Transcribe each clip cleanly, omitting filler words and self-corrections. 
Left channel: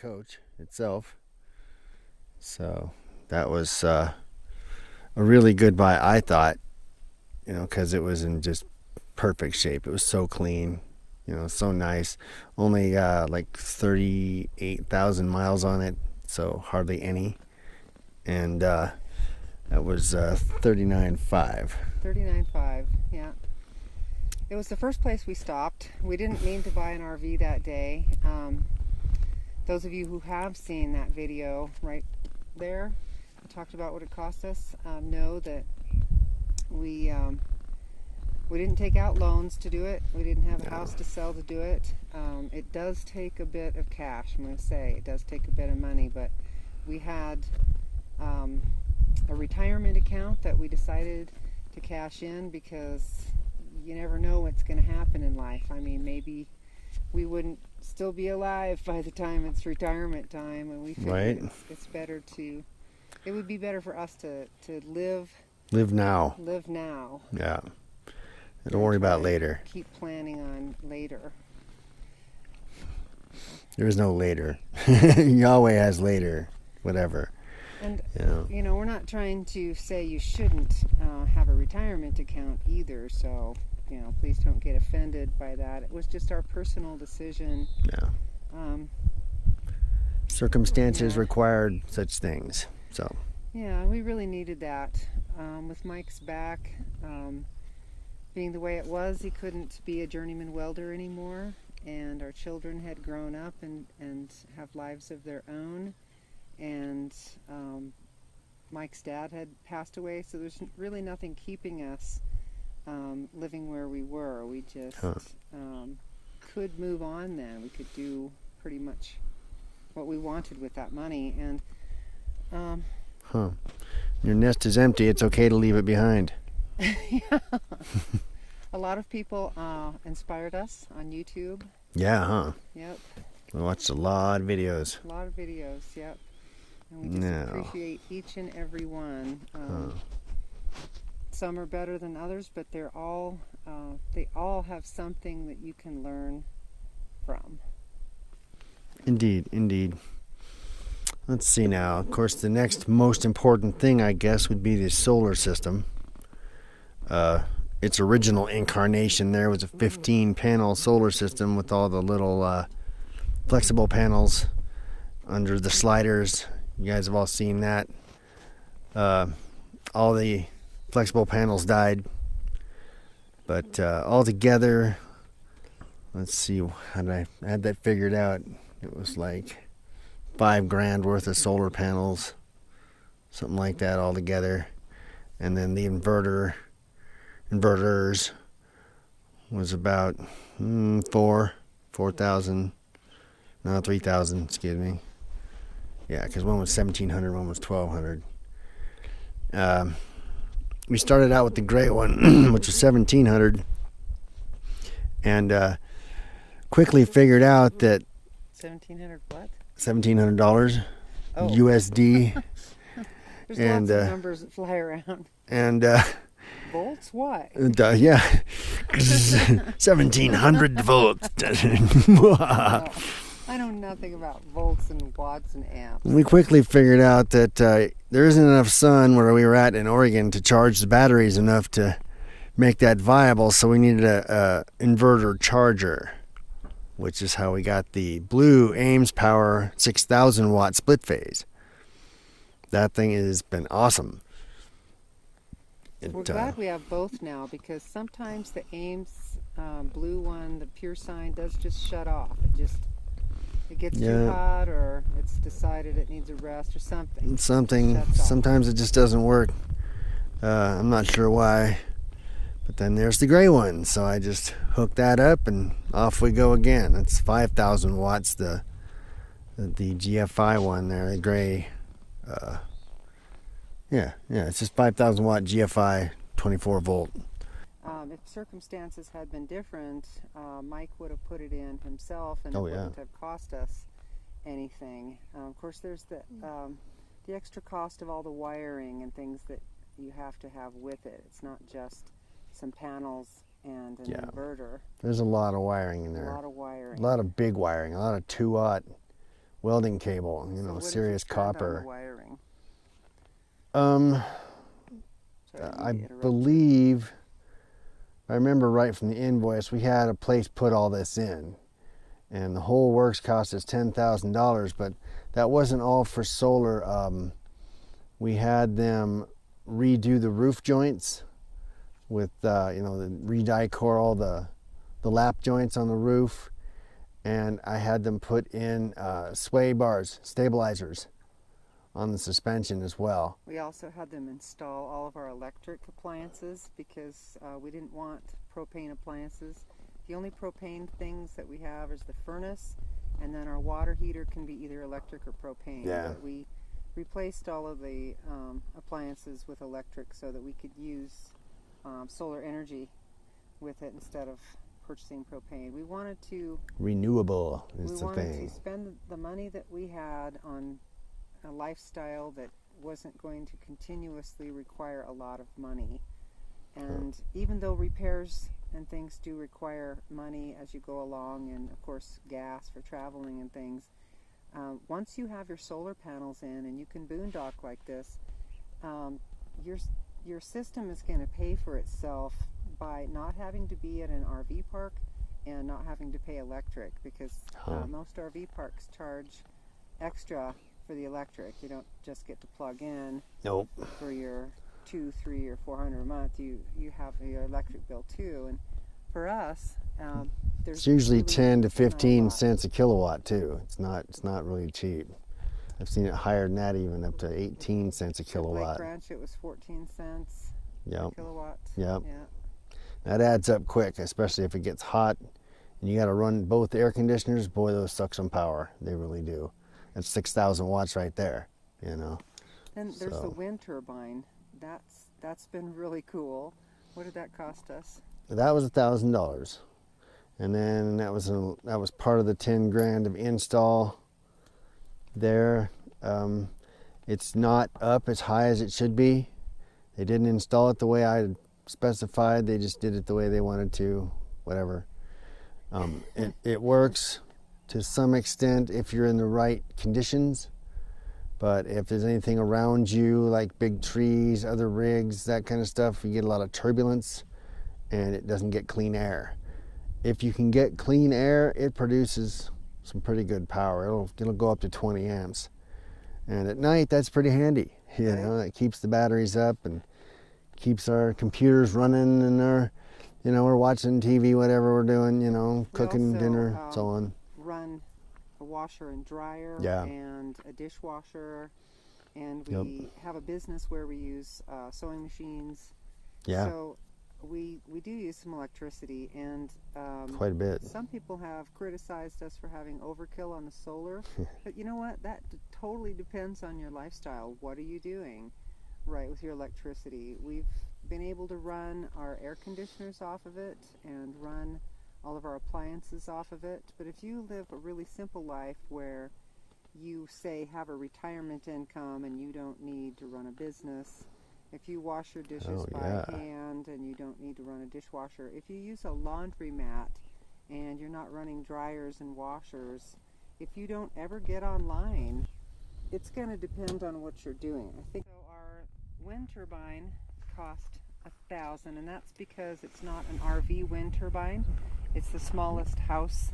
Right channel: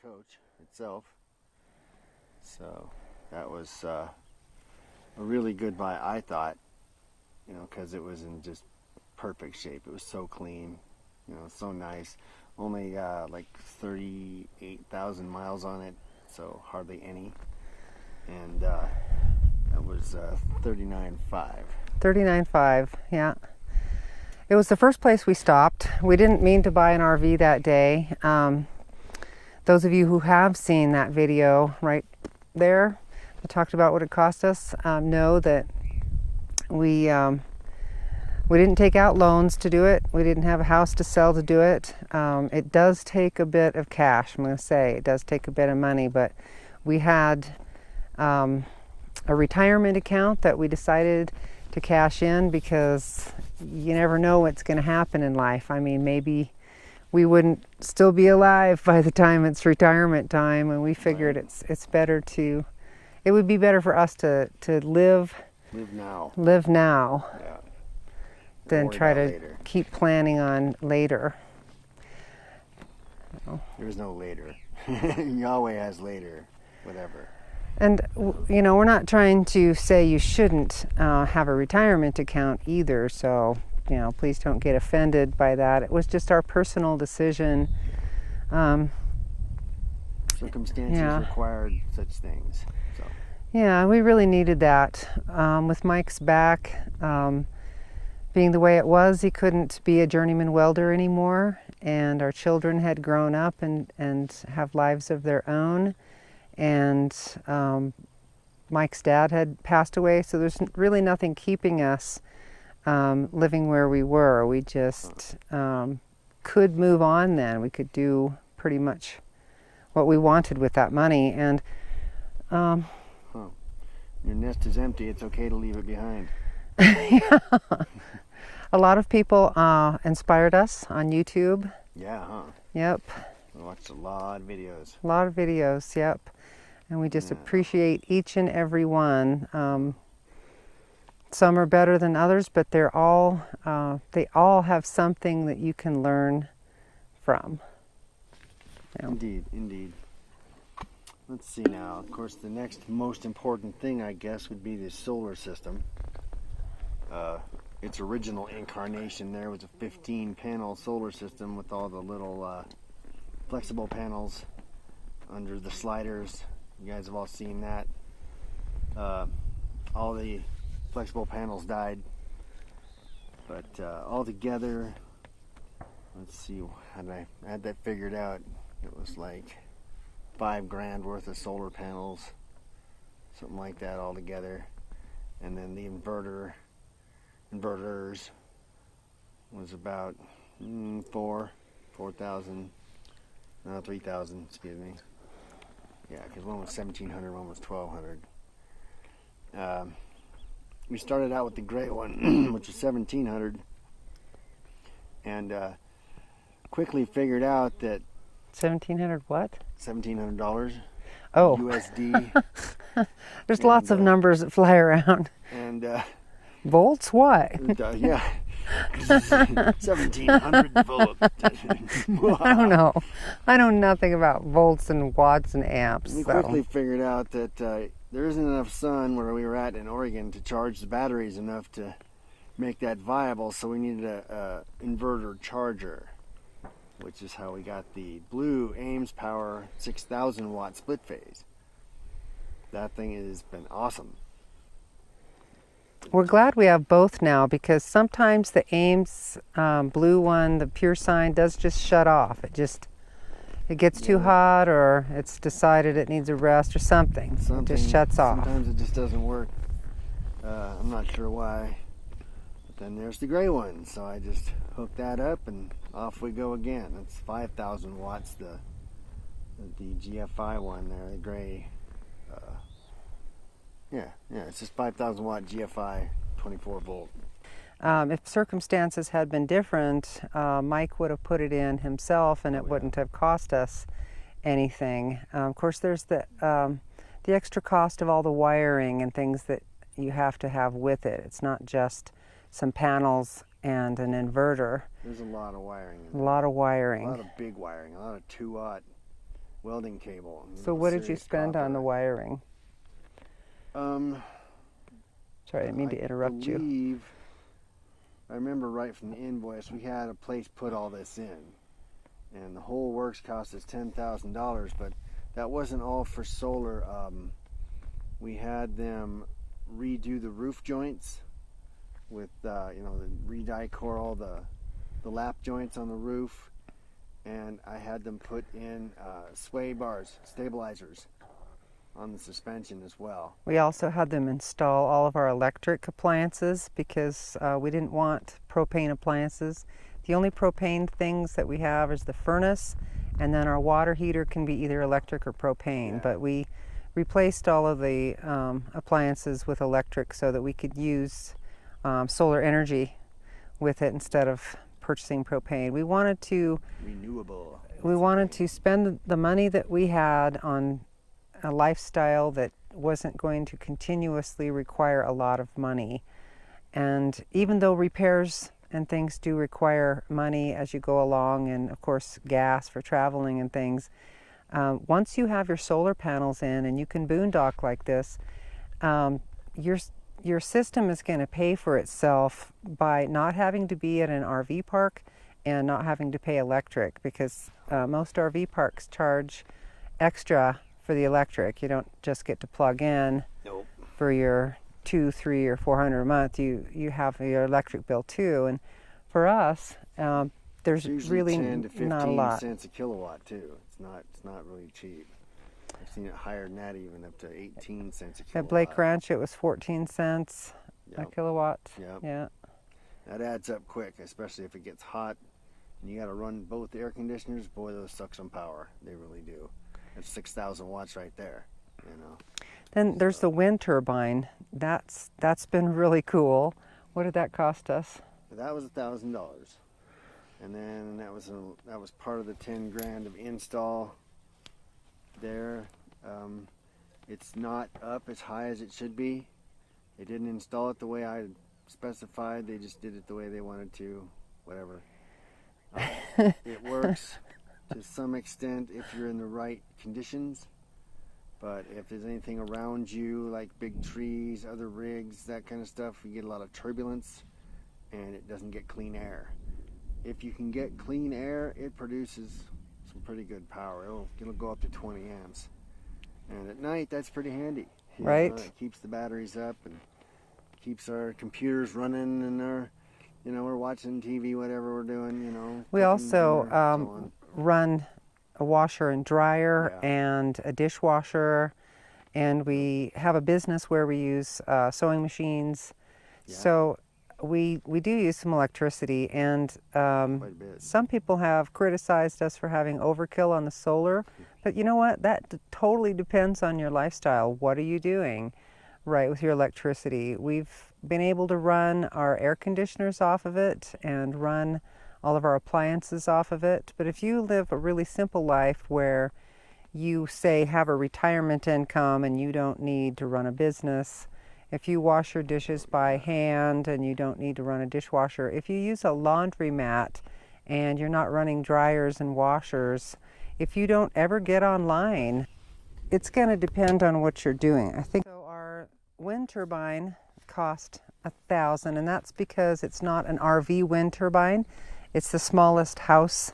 coach itself. So that was a really good buy, I thought, because it was in just perfect shape. It was so clean, so nice. Only like 38,000 miles on it, so hardly any. And that was 39.5. 39.5, yeah. It was the first place we stopped. We didn't mean to buy an RV that day. Those of you who have seen that video right there, I talked about what it cost us, know that we didn't take out loans to do it. We didn't have a house to sell to do it. It does take a bit of cash, I'm going to say. It does take a bit of money, but we had a retirement account that we decided to cash in because you never know what's going to happen in life. I mean, maybe we wouldn't still be alive by the time it's retirement time, and we figured Right. it's better to, it would be better for us to live now. Yeah. Don't Than worry try about to later. keep planning on later. There is no later. Yahweh has later, whatever. And we're not trying to say you shouldn't have a retirement account either, so please don't get offended by that. It was just our personal decision. Yeah. Circumstances Yeah. required such things. So. Yeah, we really needed that. With Mike's back being the way it was, he couldn't be a journeyman welder anymore, and our children had grown up and have lives of their own, and Mike's dad had passed away, so there's really nothing keeping us living where we were. We just could move on then. We could do pretty much what we wanted with that money, and Your nest is empty. It's okay to leave it behind. yeah. A lot of people inspired us on YouTube. Yeah, huh? Yep. I watched a lot of videos. A lot of videos, yep. And we just Yeah. appreciate each and every one. Some are better than others, but they all have something that you can learn from. Yeah. Indeed. Let's see now. Of course, the next most important thing, I guess, would be the solar system. Its original incarnation there was a 15-panel solar system with all the little flexible panels under the sliders. You guys have all seen that. All the flexible panels died. But all together, let's see, how did I had that figured out? It was like $5,000 worth of solar panels, something like that all together. And then the inverters was about 4,000, no, 3,000, excuse me. Yeah, because one was 1,700, one was 1,200. We started out with the gray one, which was 1,700, and quickly figured out that 1,700 what? $1,700 Oh. USD. There's lots of numbers that fly around. And Volts? What? yeah, 1,700 volts. I don't know. I know nothing about volts and watts and amps. We quickly figured out that there isn't enough sun where we were at in Oregon to charge the batteries enough to make that viable, so we needed a inverter charger, which is how we got the blue Ames Power 6,000 watt split phase. That thing has been awesome. We're glad we have both now, because sometimes the Ames blue one, the pure sign, does just shut off. It gets too hot, or it's decided it needs a rest or something. It just shuts off. Sometimes it just doesn't work. I'm not sure why. But then there's the gray one, so I just hook that up and off we go again. It's 5,000 watts, the GFI one there, the gray. Yeah, it's just 5,000 watt GFI, 24 volt. If circumstances had been different, Mike would have put it in himself, and it wouldn't have cost us anything. Of course, there's the extra cost of all the wiring and things that you have to have with it. It's not just some panels and an inverter. There's a lot of wiring in there. A lot of wiring. A lot of big wiring, a lot of 2-aught welding cable. So what did you serious spend copper. on the wiring? Um, Sorry, I didn't mean I to interrupt you. believe, I remember right from the invoice, we had a place put all this in, and the whole works cost us $10,000. But that wasn't all for solar. We had them redo the roof joints with the re-die-core all the lap joints on the roof, and I had them put in sway bars, stabilizers on the suspension as well. We also had them install all of our electric appliances because we didn't want propane appliances. The only propane things that we have is the furnace, and then our water heater can be either electric or propane. Yeah. But we replaced all of the appliances with electric so that we could use solar energy with it instead of purchasing propane. We wanted to Renewable. we wanted to spend the money that we had on a lifestyle that wasn't going to continuously require a lot of money. And even though repairs and things do require money as you go along, and of course gas for traveling and things, once you have your solar panels in and you can boondock like this, your system is going to pay for itself by not having to be at an RV park and not having to pay electric, because most RV parks charge extra for the electric. You don't just get to plug in Nope. for your $200, $300, or $400 a month. You have your electric bill too. And for us, there's It's usually really 10 to not a 15 lot. cents a kilowatt too. It's not really cheap. I've seen it higher than that, even up to 18 cents a At kilowatt. Blake Ranch, it was 14 cents a Yep. kilowatt. Yep. Yeah. That adds up quick, especially if it gets hot and you got to run both air conditioners. Boy, those suck some power. They really do. That's 6,000 watts right there, Then there's So- the wind turbine. That's been really cool. What did that cost us? That was $1,000, and then that was part of the 10 grand of install there. It's not up as high as it should be. They didn't install it the way I specified. They just did it the way they wanted to. Whatever. It works to some extent if you're in the right conditions. But if there's anything around you, like big trees, other rigs, that kind of stuff, you get a lot of turbulence and it doesn't get clean air. If you can get clean air, it produces some pretty good power. It'll go up to 20 amps. And at night, that's pretty handy. Right. It keeps the batteries up and keeps our computers running, and we're watching TV, whatever we're doing, We cooking also dinner, so on. run a washer and dryer Yeah. and a dishwasher, and we have a business where we use sewing machines. Yeah. So we do use some electricity, and Quite a bit. some people have criticized us for having overkill on the solar, but you know what? That totally depends on your lifestyle. What are you doing, right, with your electricity? We've been able to run our air conditioners off of it and run all of our appliances off of it. But if you live a really simple life where you, say, have a retirement income and you don't need to run a business, if you wash your dishes by hand and you don't need to run a dishwasher, if you use a laundromat and you're not running dryers and washers, if you don't ever get online, it's going to depend on what you're doing. I think so. Our wind turbine cost $1,000, and that's because it's not an RV wind turbine. It's the smallest house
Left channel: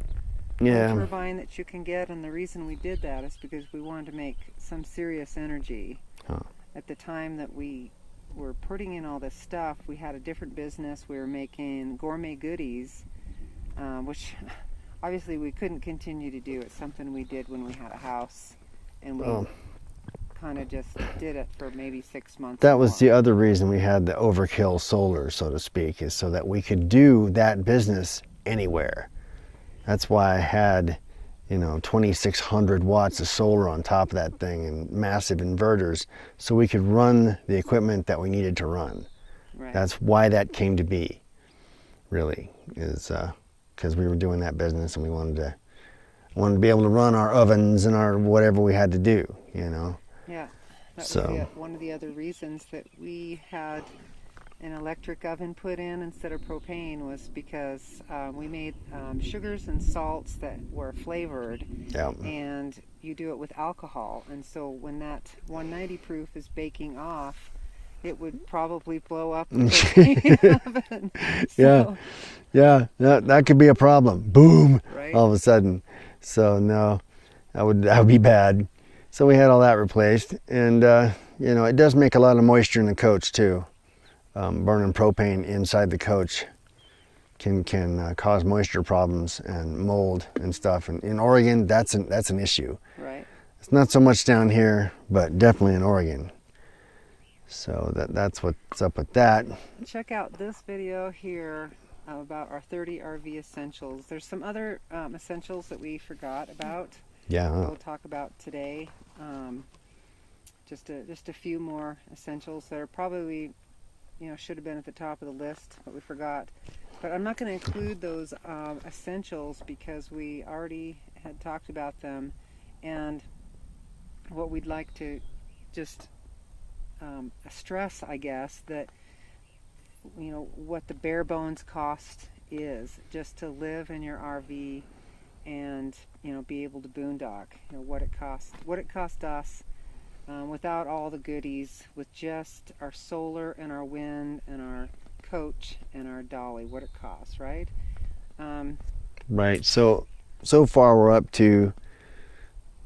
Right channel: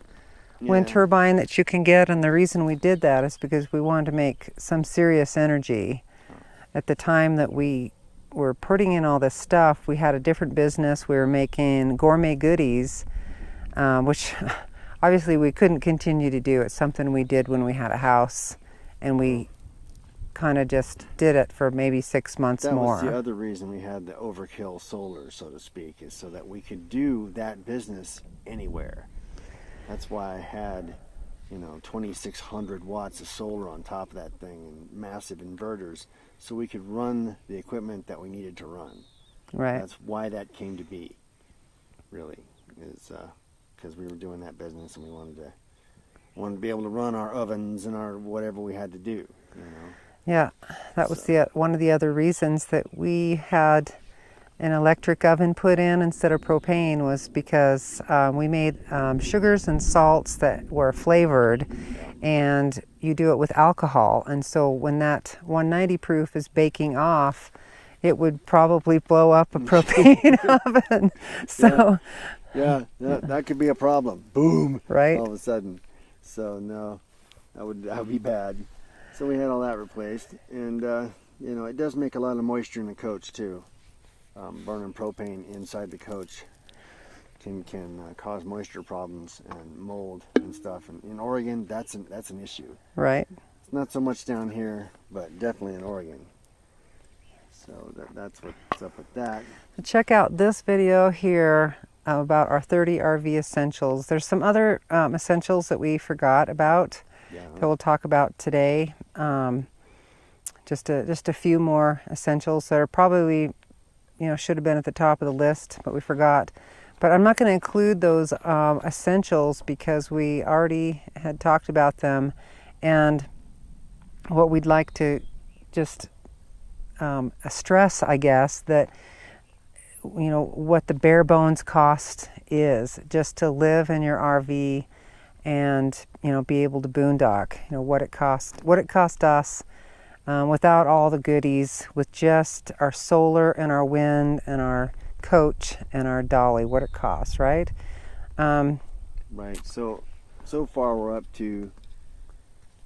wind turbine that you can get, and the reason we did that is because we wanted to make some serious energy. At the time that we were putting in all this stuff, we had a different business. We were making gourmet goodies, which obviously we couldn't continue to do. It's something we did when we had a house, and we kind of just did it for maybe 6 months That more. was the other reason we had the overkill solar, so to speak, is so that we could do that business anywhere. That's why I had 2,600 watts of solar on top of that thing and massive inverters, so we could run the equipment that we needed to run. Right. That's why that came to be, really, is because we were doing that business and we wanted to be able to run our ovens and our whatever we had to do, Yeah, that was So- one of the other reasons that we had an electric oven put in instead of propane was because we made sugars and salts that were flavored, Yeah. and you do it with alcohol. And so when that 190 proof is baking off, it would probably blow up a propane oven. So, yeah, that could be a problem. Boom, right? all of a sudden. So no, that would be bad. So we had all that replaced, and you know, it does make a lot of moisture in the coach too. Burning propane inside the coach can cause moisture problems and mold and stuff. And in Oregon, that's an issue. Right. It's not so much down here, but definitely in Oregon. So that's what's up with that. Check out this video here about our 30 RV essentials. There's some other essentials that we forgot about Yeah. that we'll talk about today. Just a few more essentials that are probably, you know, should have been at the top of the list, but we forgot. But I'm not going to include those essentials because we already had talked about them. And what we'd like to just stress, I guess, that, you know, what the bare bones cost is just to live in your RV and, you know, be able to boondock. You know, what it cost us without all the goodies, with just our solar and our wind and our coach and our dolly, what it costs, right? Right. So far we're up to,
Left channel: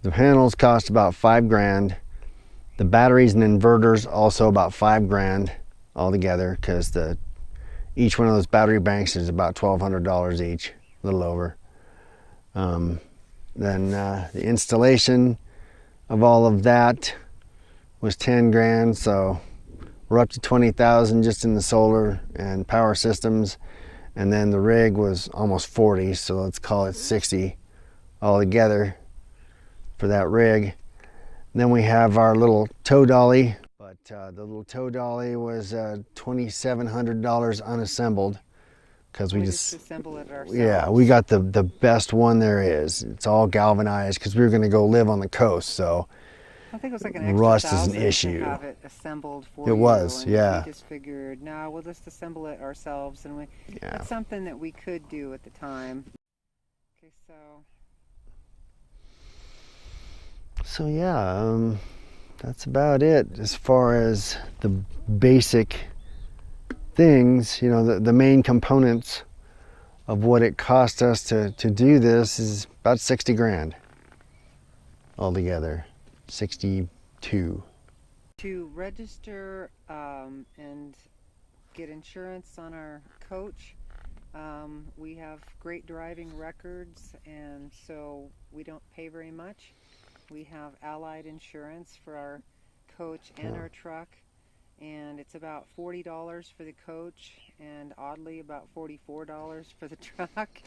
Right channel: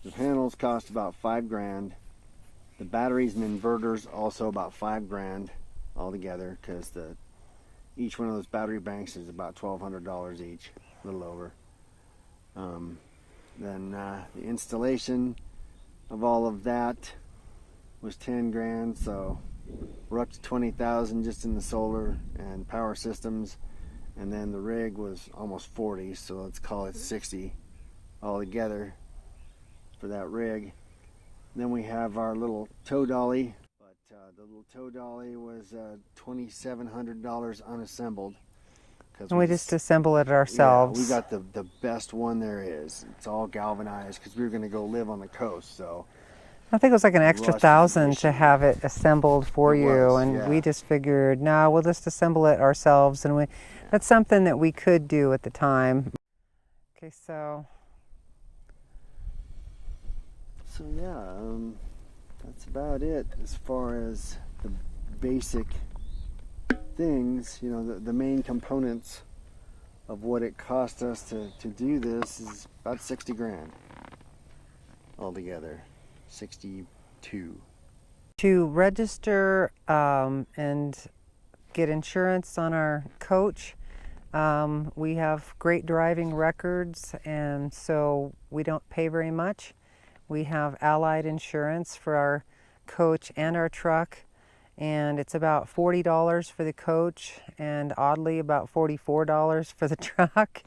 the panels cost about $5,000. The batteries and inverters also about $5,000 altogether, because each one of those battery banks is about $1,200 each, a little over. Then the installation of all of that was $10,000, so we're up to $20,000 just in the solar and power systems, and then the rig was almost 40, so let's call it 60 altogether for that rig. And then we have our little tow dolly, but the little tow dolly was $2,700 unassembled, because We just assemble it ourselves. Yeah, we got the best one there is. It's all galvanized because we were going to go live on the coast, so I think it was like an extra rust is an $1,000 to issue. have it assembled for It you, was, and yeah. we just figured, no, we'll just assemble it ourselves, and that's something that we could do at the time. Okay, so yeah, that's about it as far as the basic things. You know, the main components of what it cost us to do this is about 60 grand altogether. 62. to register and get insurance on our coach, we have great driving records, and so we don't pay very much. We have allied insurance for our coach and our truck, and it's about $40 for the coach, and oddly about $44 for the truck.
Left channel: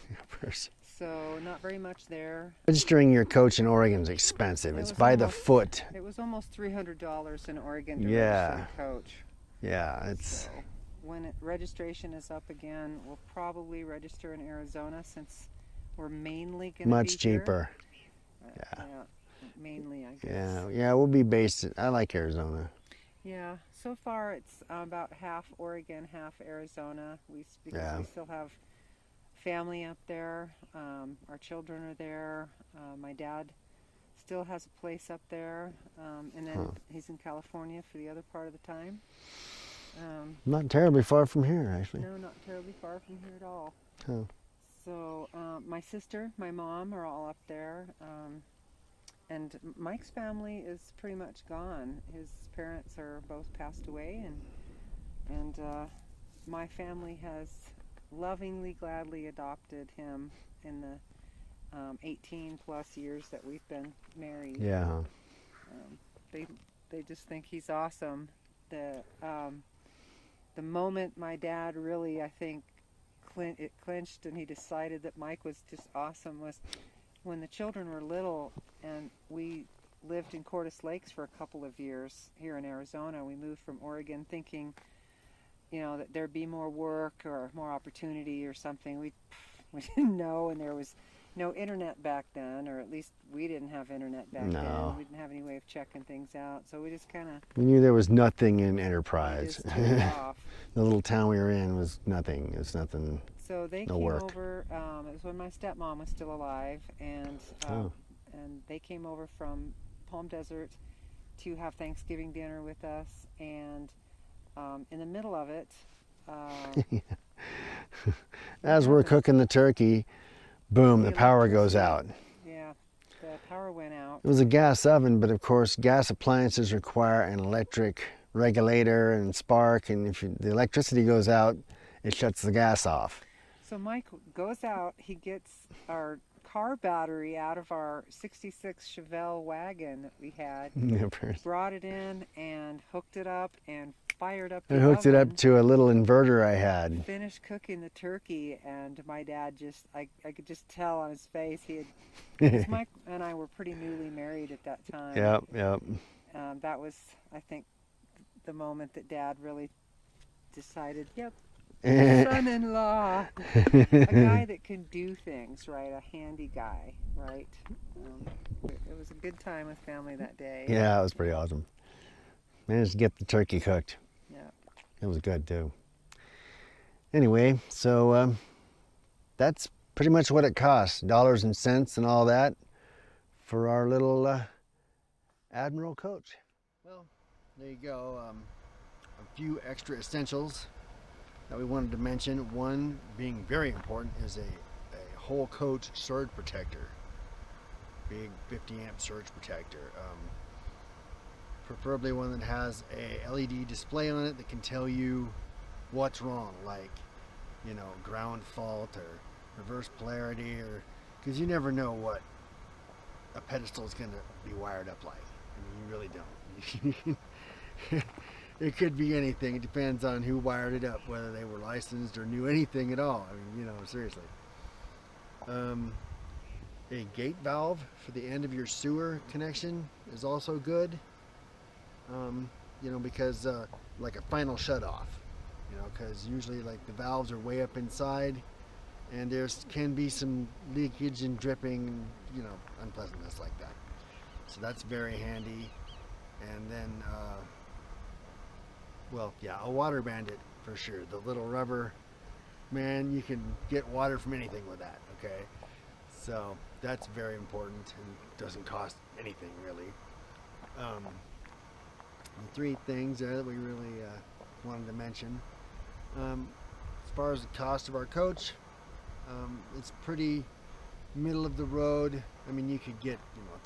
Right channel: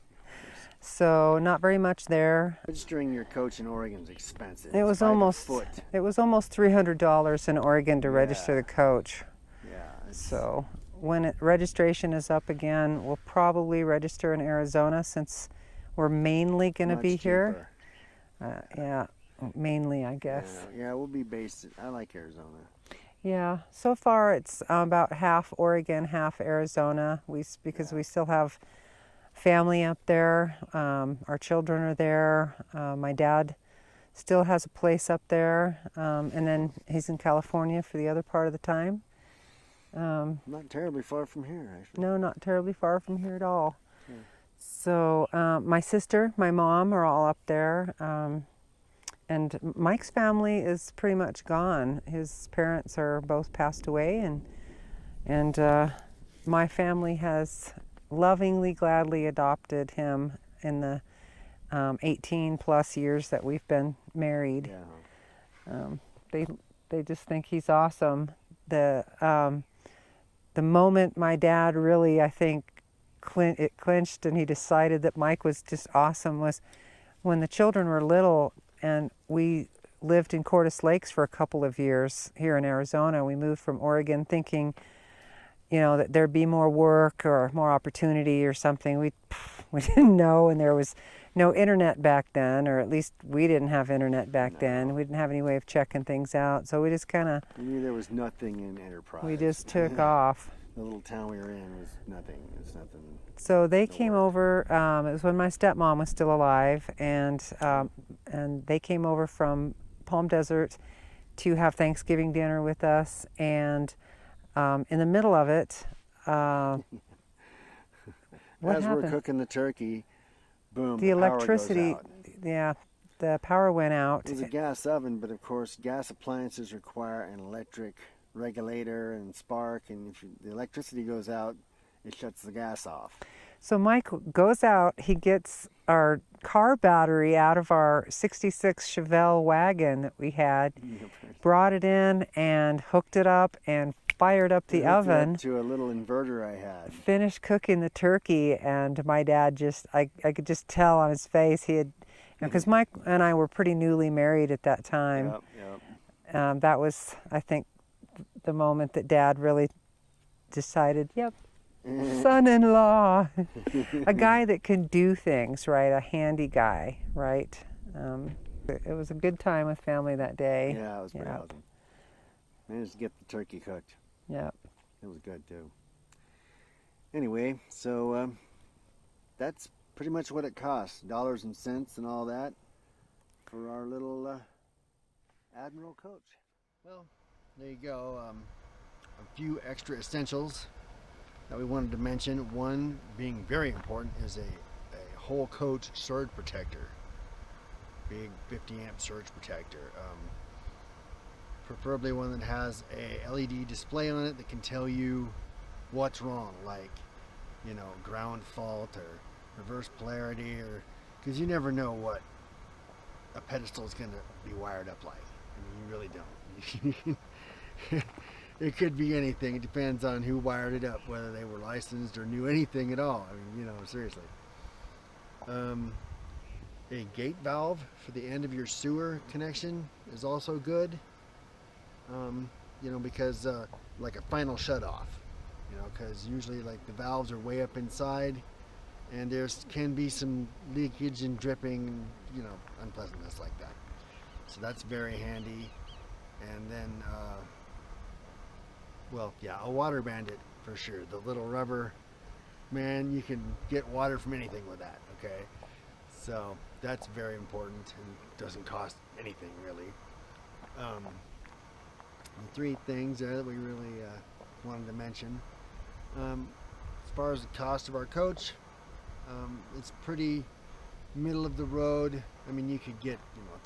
So not very much there. Registering your coach in Oregon is expensive. It's by the foot. It was almost $300 in Oregon to register the coach. Yeah. So when registration is up again, we'll probably register in Arizona, since we're mainly going to be here. Much cheaper. Yeah, mainly, I guess. Yeah, we'll be based. I like Arizona. Yeah, so far it's about half Oregon, half Arizona. Because we still have family up there. Our children are there. My dad still has a place up there, and then he's in California for the other part of the time. Not terribly far from here, actually. No, not terribly far from here at all. Hmm. So my sister, my mom are all up there, and Mike's family is pretty much gone. His parents are both passed away, and my family has lovingly, gladly adopted him in the 18 plus years that we've been married. Yeah. They just think he's awesome. The moment my dad really, I think, it clinched and he decided that Mike was just awesome was when the children were little, and we lived in Cordes Lakes for a couple of years here in Arizona. We moved from Oregon thinking, you know, that there'd be more work or more opportunity or something. We didn't know, and there was no internet back then, or at least we didn't have internet back then. No. We didn't have any way of checking things out, so we just kind of We knew there was nothing in we Enterprise. just took off. The little town we were in was nothing. It was nothing. So they No came work. over. It was when my stepmom was still alive, and Oh. and they came over from Palm Desert to have Thanksgiving dinner with us. And in the middle of it, what As we're happened? cooking the turkey, boom, the power goes electricity- out. Yeah, the power went out. It was a gas oven, but of course, gas appliances require an electric regulator and spark, and if the electricity goes out, it shuts the gas off. So Mike goes out, he gets our car battery out of our 66 Chevelle wagon that we had, brought it in and hooked it up and fired up I the hooked it oven, up to a little inverter I had. finished cooking the turkey, and my dad just, I could just tell on his face, he had, because Mike and I were pretty newly married at that time. Yep. That was, I think, the moment that Dad really decided, yep, son-in-law, a guy that can do things, right? A handy guy, right? It was a good time with family that day. Yeah, it was pretty awesome. Managed to get the turkey cooked. Yeah. It was good too. Anyway, so that's pretty much what it costs, dollars and cents and all that, for our little Admiral coach. Well, there you go. A few extra essentials that we wanted to mention. One being very important is a whole coach surge protector. Big 50 amp surge protector. Preferably one that has a LED display on it that can tell you what's wrong, like, you know, ground fault or reverse polarity, or because you never know what a pedestal is going to be wired up like. I mean, you really don't. It could be anything. It depends on who wired it up, whether they were licensed or knew anything at all. I mean, you know, seriously. A gate valve for the end of your sewer connection is also good. You know, because like a final shut off, you know, because usually like the valves are way up inside, and there can be some leakage and dripping and, you know, unpleasantness like that. So that's very handy. And then well, yeah, a water bandit for sure. The little rubber, man, you can get water from anything with that, okay? So that's very important and doesn't cost anything really. The three things there that we really wanted to mention. As far as the cost of our coach, it's pretty middle of the road. I mean, you could get, you know, a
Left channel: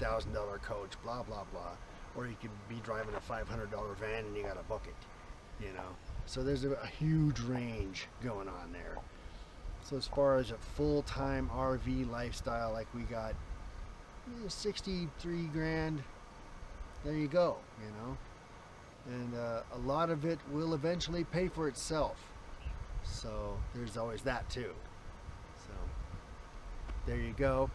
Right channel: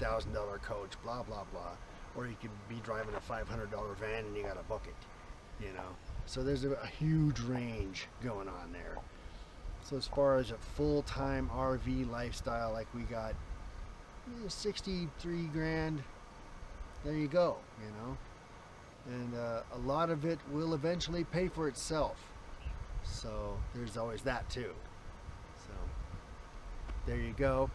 $300,000 coach, blah blah blah, or you could be driving a $500 van and you got to book it, you know. So there's a huge range going on there. So as far as a full-time RV lifestyle like we got, 63 grand, there you go, you know. And a lot of it will eventually pay for itself. So there's always that too. So there you go.